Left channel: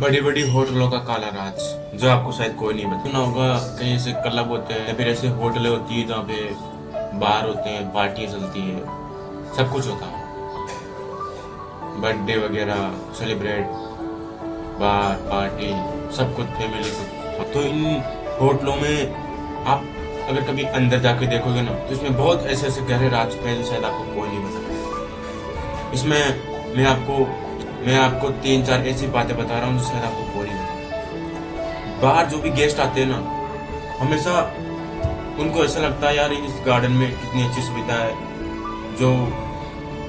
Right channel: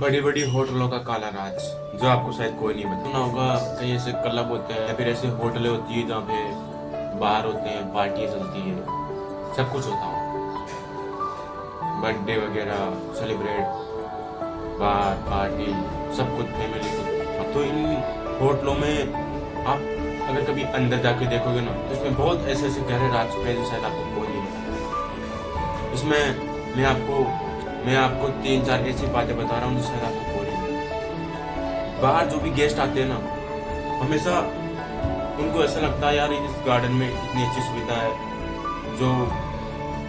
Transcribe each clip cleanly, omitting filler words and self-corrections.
बड़ी बड़ी होटलों का काला राज जो आपको शायद कोई नहीं बता सुना होगा। कहीं ऐसे क्लब होते हैं, फिर ऐसे होटलें होती है जहाँ पे बार होते हैं, पार्टियाँ चलती है, सब कुछ होता है, बर्थडे वगैरह सेलिब्रेट, बार पार्टी, सब कुछ फैमिली सब। तो इन होटलों में आप अगर कभी अंदर जाके देखोगे ना, तो इसमें बहुत ऐसे ऐसे गहरे राज छुपे हैं जो शायद आपको कोई नहीं बता। इसमें मैं आपको तीन चार ऐसी बातें बता रहा हूँ जो शायद आपको कोई नहीं बता। बाहर जो भी गेस्ट आते हैं ना, हमेशा उनको ऐसा लगता है यार इस गार्डन में कितनी अच्छी सुविधा है, जो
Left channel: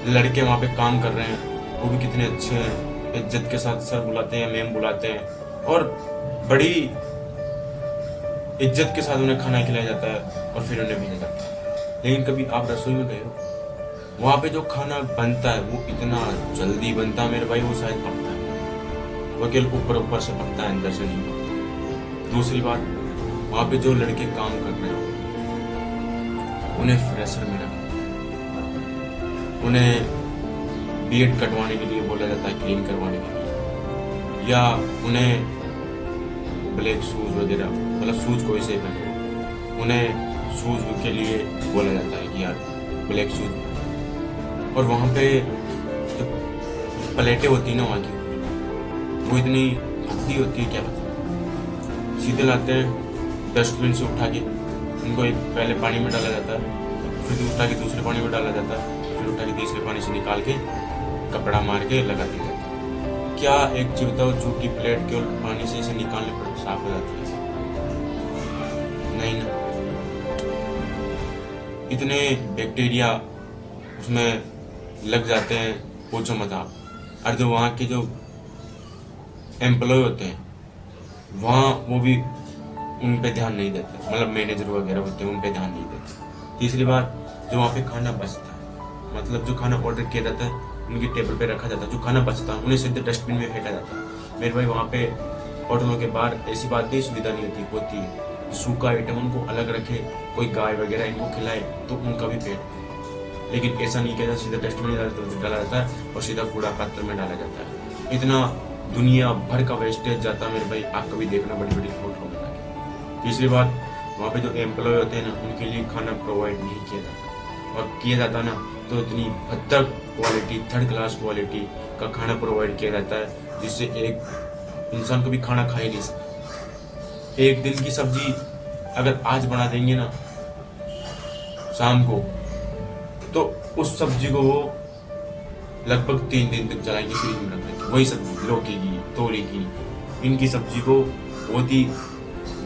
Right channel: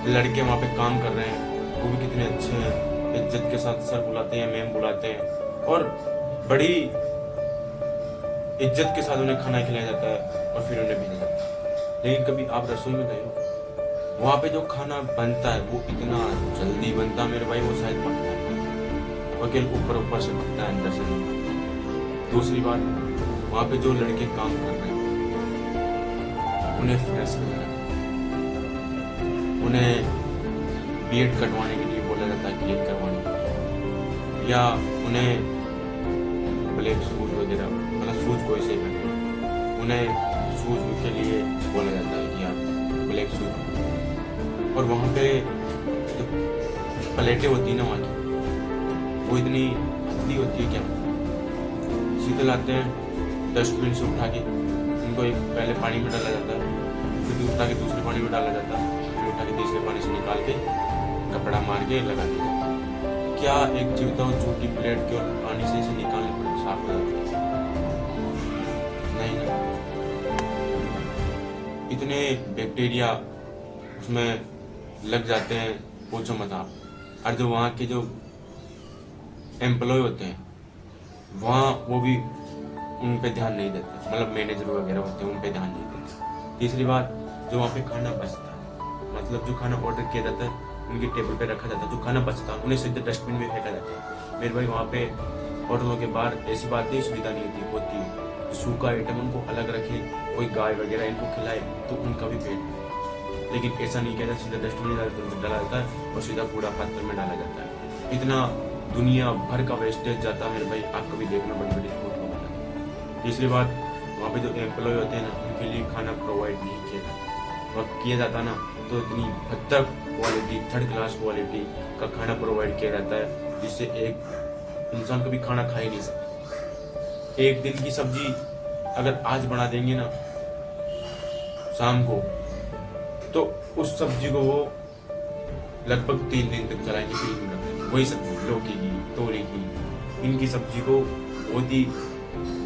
लड़के वहाँ पे काम कर रहे हैं वो भी कितने अच्छे हैं, इज्जत के साथ सर बुलाते हैं, मैम बुलाते हैं, और बड़ी इज्जत के साथ उन्हें खाना खिलाया जाता है और फिर उन्हें भेजा जाता है। लेकिन कभी आप रसोई में गए हो, वहाँ पे जो खाना बनता है वो इतना जल्दी बनता है मेरे भाई, वो शायद पकता है, वो केवल ऊपर ऊपर से पकता है, अंदर से नहीं। दूसरी बात, वहाँ पे जो लड़के काम कर रहे हैं उन्हें फ्रेशर में रखा, उन्हें बीएड कटवाने के लिए बोला जाता है, क्लीन करवाने के लिए, या उन्हें ब्लैक शूज वगैरह, मतलब शूज कोई से पहने, उन्हें शूज के लिए बोला जाता है कि यार ब्लैक शूज। और वहाँ पे जो प्लेटें होती है ना वहाँ की, वो इतनी गंदी होती है क्या, सीधे लाते हैं डस्टबिन से उठा के, उनको एक पहले पानी में डाला जाता है, फिर उठा के दूसरे पानी में डाला जाता है, फिर उठा के तीसरे पानी से निकाल के कपड़ा मार के लगा दिया जाता है। क्या एक जीविता और झूठी प्लेट के और पानी से इसे निकालने पर साफ हो जाती है? नहीं ना, इतने बैक्टीरिया उसमें लग जाते हैं, पूछो मत आप। और जो वहाँ के जो एम्प्लॉय होते हैं वहाँ, वो भी उन पे ध्यान नहीं देते, मतलब मैनेजर वगैरह होते हैं उन पे ध्यान नहीं देते। तीसरी बात, जो वहाँ पे खाना बचता है, मतलब जो खाना ऑर्डर किया जाता है उनके टेबल पे रखा जाता है, जो खाना बचता है उन्हें सीधे डस्टबिन में फेंका जाता है। मेरे भाई वहाँ पे होटलों के बाहर ऐसी बात नहीं, सुविधा नहीं होती है, सूखा आइटम उनको अलग रखे, कोई गाय वगैरह इनको खिलाए तो उनका भी पेट भरे। लेकिन ऐसा नहीं किया जाता, सीधा डस्टबिन में डाला जाता है और सीधा कूड़ा पात्र में डाला जाता है। इतना दुनिया भर का वेस्टेज जाता है मेरे भाई, आप कभी देखना बड़ी बड़ी होटलों में। तीसरी बात, वहाँ पे जो एम्प्लॉय होते हैं ना, उनके लिए खाना प्रोवाइड नहीं किया जाता, और किया जाता ना तो इतनी भद्दा क्वालिटी, थर्ड क्लास क्वालिटी का खाना प्रोवाइड किया जाता है, जिससे एक इंसान कभी खाना खा ही नहीं सकता। एक दिन की सब्जी अगर आज बना देंगे ना शाम को, तो उस सब्जी को वो लगभग 3 दिन तक चलाएंगे, फ्रिज में रख देंगे। वही सब्जी लौकी की, तोरी की, इनकी सब्जी को बहुत ही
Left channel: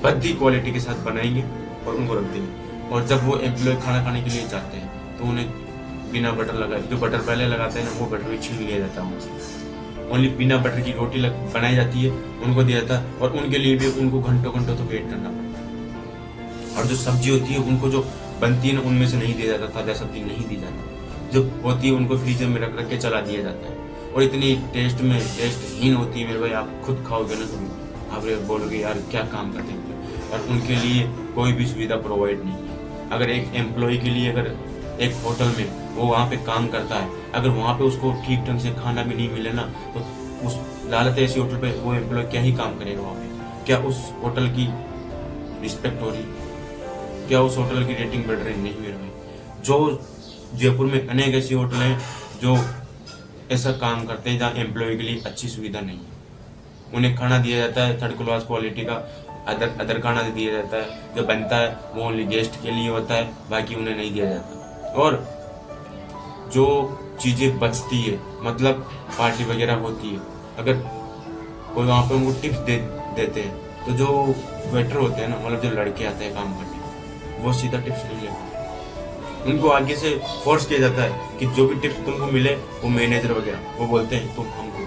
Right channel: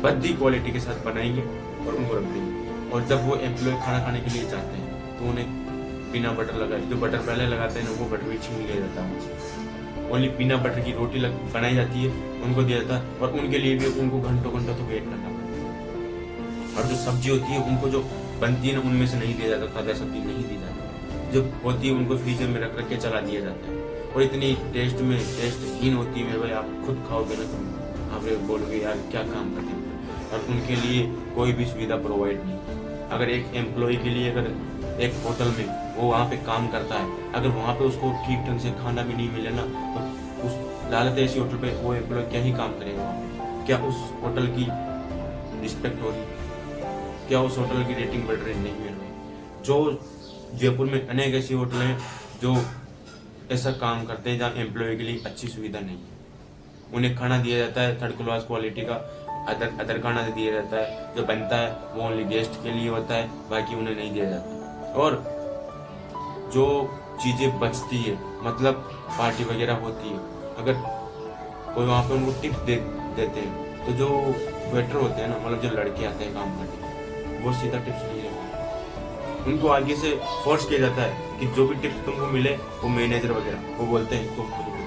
भद्दी क्वालिटी के साथ बनाएंगे और उनको रख देंगे। और जब वो एम्प्लॉय खाना खाने के लिए जाते हैं तो उन्हें बिना बटर लगाए, जो बटर पहले लगाते हैं ना वो बटर भी छीन लिया जाता है उनसे। ओनली बिना बटर की रोटी बनाई जाती है, उनको दिया जाता है, और उनके लिए भी उनको घंटों घंटों तो वेट करना पड़ता है। और जो सब्जी होती है उनको जो बनती है ना, उनमें से नहीं दिया जाता, ताज़ा सब्जी नहीं दी जाती, जो होती है उनको फ्रीजर में रख रख के चला दिया जाता है। और इतनी टेस्टहीन होती है मेरे भाई, आप खुद खाओगे ना कभी आप ये बोलोगे यार क्या काम करते हैं। और उनके लिए कोई भी सुविधा प्रोवाइड नहीं है। अगर एक एम्प्लॉय के लिए, अगर एक होटल में वो वहाँ पे काम करता है, अगर वहाँ पे उसको ठीक ढंग से खाना भी नहीं मिले ना, तो उस लालत ऐसी होटल पे वो एम्प्लॉय क्या ही काम करेगा वहाँ पे? क्या उस होटल की रिस्पेक्ट हो रही, क्या उस होटल की रेटिंग बढ़ रही? नहीं मेरे भाई। जो जयपुर में अनेक ऐसी होटल हैं जो ऐसा काम करते हैं जहाँ एम्प्लॉय के लिए अच्छी सुविधा नहीं है, उन्हें खाना दिया जाता है थर्ड क्लास क्वालिटी का, अदर खाना दिया जाता है, जो बनता है वो ओनली गेस्ट के लिए होता है, बाकी उन्हें नहीं दिया जाता। और जो चीज़ें बचती है, मतलब पार्टी वगैरह होती है, अगर कोई वहाँ पर वो टिप्स देते हैं, तो जो वेटर होते हैं ना, मतलब जो लड़के आते हैं काम करने, वो सीधा टिप्स नहीं लेते, उनको आगे से फोर्स किया जाता है कि जो भी टिप्स तुमको मिले वो मैनेजर वगैरह वो बोलते हैं तो हमको,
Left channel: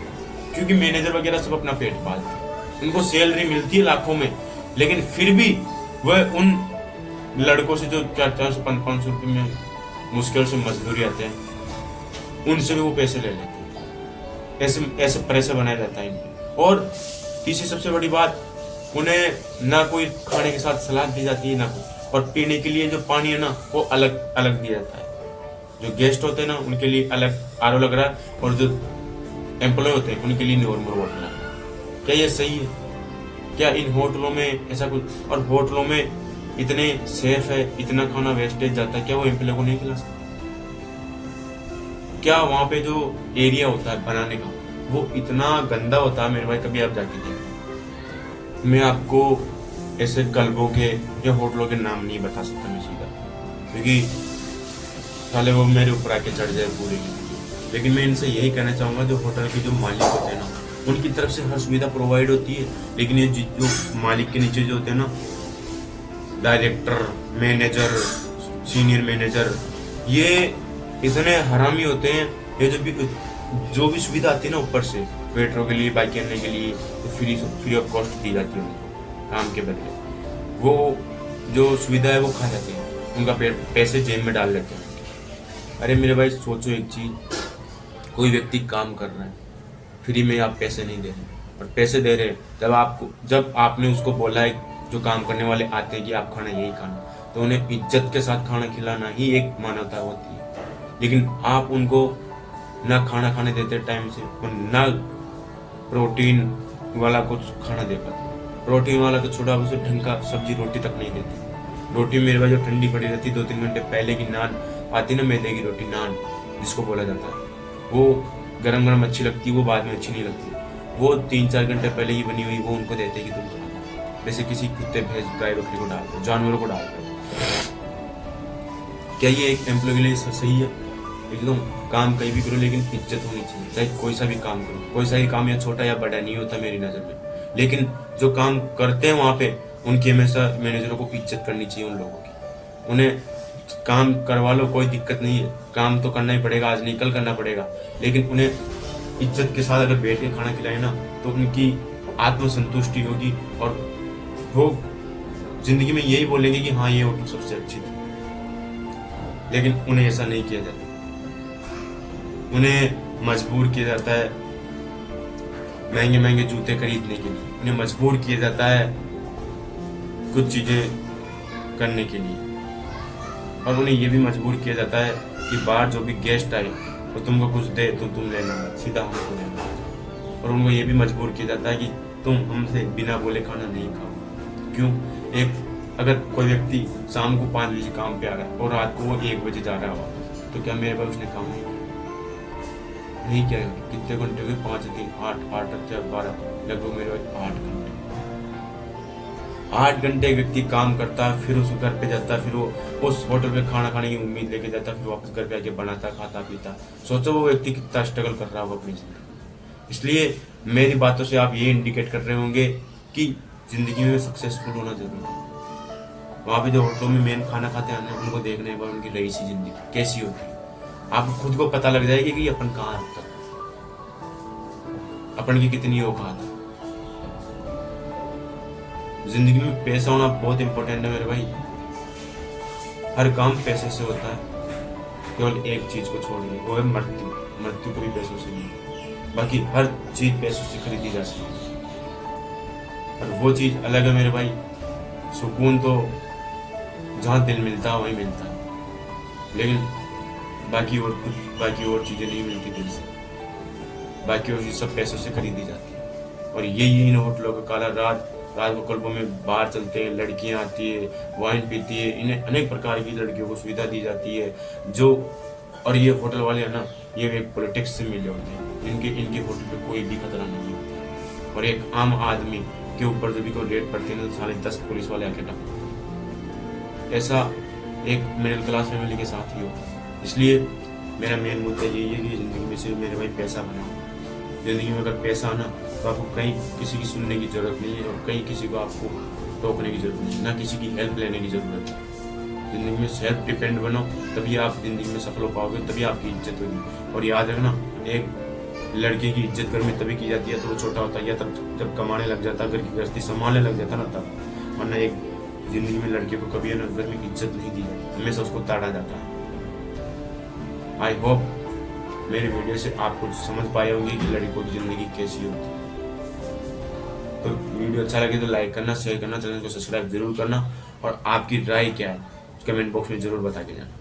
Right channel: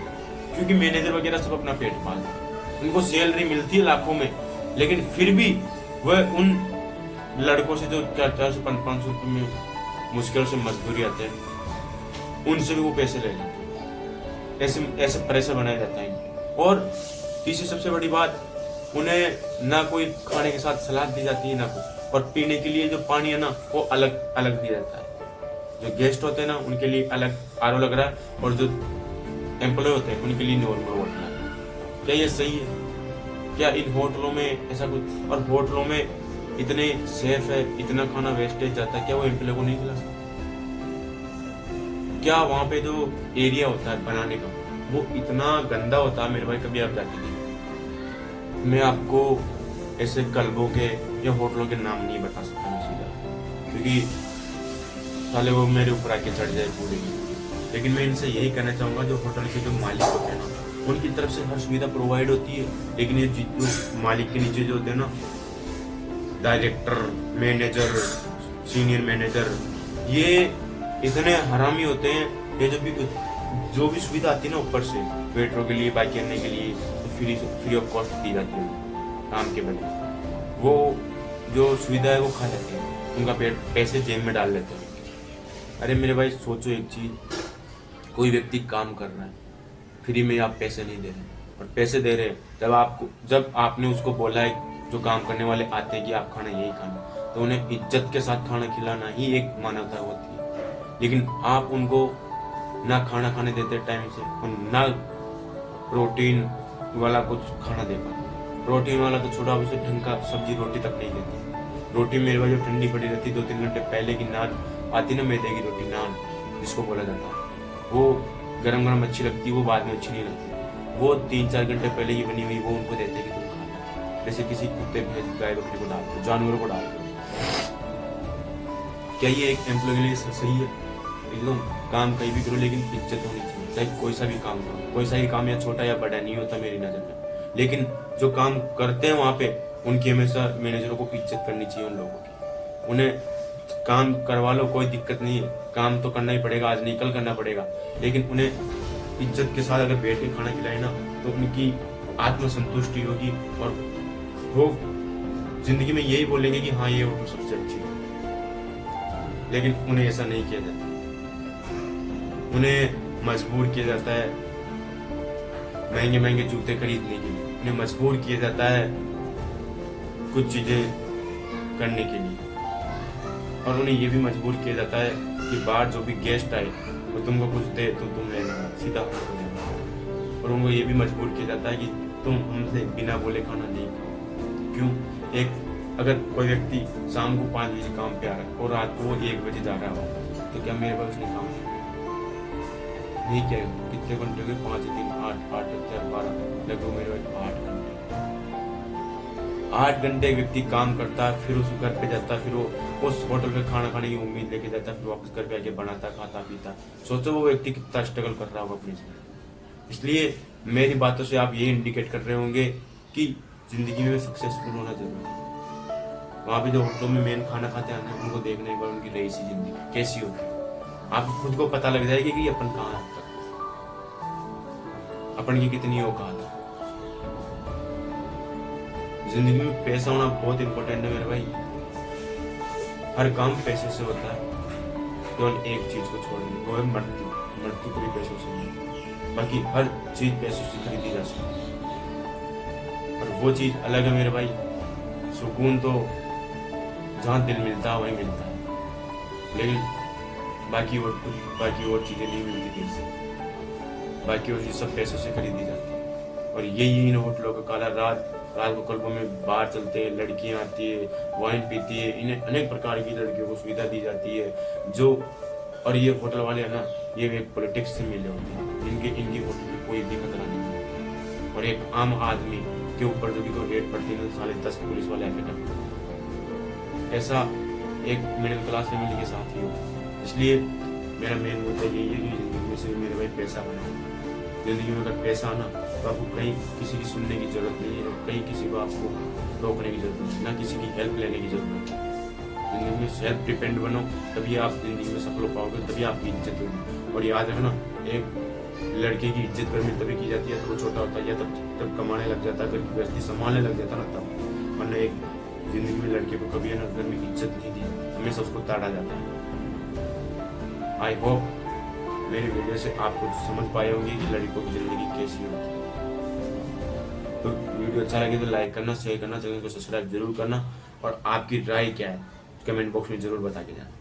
क्योंकि मैनेजर वगैरह सब अपना पेट पालते हैं, उनको सैलरी मिलती है लाखों में, लेकिन फिर भी वह उन लड़कों से जो 400-500 रुपये में मुश्किल से मजदूरी आते हैं, उनसे भी वो पैसे ले लेते हैं। ऐसे प्रेशर बनाया जाता है। और तीसरी सबसे बड़ी बात, उन्हें ना कोई खाने के साथ सलाद दी जाती है ना कुछ, और पीने के लिए जो पानी है ना वो अलग अलग दिया जाता है। जो गेस्ट होते हैं ना उनके लिए अलग आरओ लग रहा है, और जो एम्प्लॉय होते हैं उनके लिए नॉर्मल वाटर लग रहा है। क्या ये सही है? क्या इन होटलों में ऐसा कुछ, और होटलों में इतने सेफ है, इतना खाना वेस्टेज जाता है, क्या वो एम्प्लॉय को नहीं खिला सकते? क्या वहाँ पे जो एरिया होता है बनाने का वो इतना गंदा होता है मेरे भाई, कभी आप जाके देखिए। मैं आपको ऐसे क्लबों के या होटलों के नाम नहीं बता सकता मैं सीधा, क्योंकि साले वो मेरे ऊपर आके चढ़ जाए पूरे की। लेकिन मैं इनसे यही कहना चाहूँगा, जो होटल के जो मालिक होते हैं ना, उनकी तरफ से हर सुविधा प्रोवाइड होती है, लेकिन ये जो मालिक के नीचे जो होते हैं ना, डायरेक्टर, मैनेजर, सीनियर मैनेजर, ये इतने हरामी होते हैं। ये जो भी सुविधा आती है ना ऊपर से वेटरों के लिए, बाइक करने के लिए, तो फ्री ऑफ कॉस्ट दी जाती है उनको काम के बदले। वो जो सुविधा है वो खा जाती है, उनका पैसे जेब में डाल लेते हैं। अरे मेरे भाई सोचो एक चीज, कोई व्यक्ति काम कर रहा है, फ्री में आप पैसे नहीं दे रहे, और पैसे दे रहे हैं जब आपने उसको बोला है, जो काम करने वाले आते हैं कि आप खाना यही खाना, तो उन्हें इज्जत के साथ खाना खिलाना ही एक मानवता होती है। लेकिन आप उनको ना खाना खाने देते टाइम से, और ना प्रोटीन वाला कुछ खाना दे पाते। प्रोटीन वाला तो छोटा, उसे ढंग का सब्जी रोटी तक नहीं देते। रोटी मेरे भाई जो ठंडी पड़ी रहती, 2-3 घंटे पहले की नान आती ना, मैदे की रोटी, नान जिसको बोला जाता है, वो गरम गरम अच्छी लगती, वो बाद में अच्छी नहीं लगती। वो 3-4 घंटे पहले ही बनी हुई वो उनको देते कि तुम खाओ, जैसे किसी कुत्ते, भैंस, गाय, बकरी को डालते, जानवरों को डालते। क्या ये एक एम्प्लॉय के लिए सही है? एकदम काम कहीं भी करो, लेकिन इज्जत होनी चाहिए। चाहे कोई सा भी काम करो, कोई सा भी काम या छोटा या बड़ा नहीं होता मेरी नज़र में, लेकिन जो काम करते हैं वहाँ पे, उनकी हमेशा मैनेजरों को इज्जत करनी चाहिए। उन लोगों की, उन्हें काम करवा लो, कोई दिक्कत नहीं है, काम तो करना ही पड़ेगा, आज नहीं कल करना पड़ेगा, लेकिन उन्हें इज्जत के साथ अगर बैठ के खाना खिलाए ना, तो उनकी आत्मसंतुष्टि होगी, और वो जिंदगी में यही बोलेंगे कि हाँ ये होटल सबसे अच्छी थी। लेकिन उन्हें ऐसा नहीं किया जाता, उन्हें मजबूर किया जाता है महंगे महंगे जूते खरीदने के लिए, उन्हें मजबूर किया जाता है कुछ चीजें करने के लिए, और उन्हें ये भी मजबूर किया जाता है कि बाहर जो भी गेस्ट आए तो तुमको कुछ दे तो तुम लेना, सीधा होकर तुम लेना। और उनको ये भी मजबूर किया जाता है कि तुम हमसे बिना बोले खाना नहीं खाओ। क्यों? अगर कोई व्यक्ति शाम को 5 बजे काम पे आ रहा है और रात को वो 1 बजे जा रहा होगा, तो क्या मेरे पास उसने काम नहीं किया? कितने घंटे हुए? 5 दिन 8 12 लगभग मेरे पास 8 घंटे। 8 घंटे एक व्यक्ति काम करता है, फिर उस घर पे जाता है, फिर वो उस होटल पे खाना खाने की उम्मीद लेके जाता है, फिर वापस घर पे आके बनाता, खाता, पीता। सोचो वो व्यक्ति कितना स्ट्रगल कर रहा होगा अपनी जिंदगी। इसलिए मेरी बातों से आप ये इंडिकेट कर रहे होंगे कि जिंदगी में सक्सेसफुल होना जरूरी है। वहाँ पे जो होटलों में मेन खाना खाते हैं, उनको देखने पर उनकी रही सी जिंदगी कैसी होती है, आपको खुद को पता लग जाएगी कि अपन कहाँ है, अपन की कितनी औकात है। जिंदगी में पैसा होना बहुत इंपॉर्टेंट है मेरे भाई। हर काम पैसे से होता है, केवल एक चीज को छोड़ वो है मृत्यु। मृत्यु को भी पैसों से नहीं, बाकी हर चीज पैसों से खरीदी जा सकती है, और वो चीज अलग है मेरे भाई। सुकून तो जहाँ दिल मिलता है वहीं मिलता है, लेकिन बाकी और चीजें नहीं मिलती दिल से। बाकी और चीज सब पैसों से खरीदी जाती है। और यही इन होटलों का काला रात को क्लबों में बाहर चलते हैं, लड़कियां आती है, वाइन पीती है, इन्हें अनेक प्रकार की लड़कियों को सुविधा दी जाती है। और ये होटल वाले है ना, ये एक पॉलिटिक्स से मिले होते हैं, इनके होटल में कोई भी खतरा नहीं होता। और एक आम आदमी के ऊपर जब भी कोई रेड पड़ती है, तो 10 पुलिस वाले आके करते। ऐसा एक मिडिल क्लास फैमिली के साथ ही होता है। इसलिए मेरा मेन मुद्दा यही है कि जिंदगी में से मेरे भाई पैसा बनाओ। जिंदगी में अगर पैसा आना, तो आपको कहीं किसी की सुनने की जरूरत नहीं है, और कहीं किसी को आपको रोकने की जरूरत नहीं है, ना किसी की हेल्प लेने की जरूरत है। जिंदगी में सेल्फ डिपेंड बनो, तभी आप जिंदगी में सफल हो पाओगे, तभी आपकी इज्जत होगी। और याद रखना, एक लड़के की इज्जत घर में तभी की जाती है तो वो छोटा होता है, या तब जब कमाने लग जाता है, घर की गृहस्थी संभालने लग जाता ना तब। वरना एक जिंदगी में लड़के को कभी ना घर में इज्जत नहीं दी जाती, हमेशा उसको ताड़ा जाता है। आई होप मेरे वीडियो से आप कुछ समझ पाए होंगे कि लड़कों की जिंदगी कैसी होती है। तो वीडियो अच्छा लगे तो लाइक करना, शेयर करना, चैनल को सब्सक्राइब जरूर करना, और आपकी राय क्या है कमेंट बॉक्स में जरूर बता के जाना।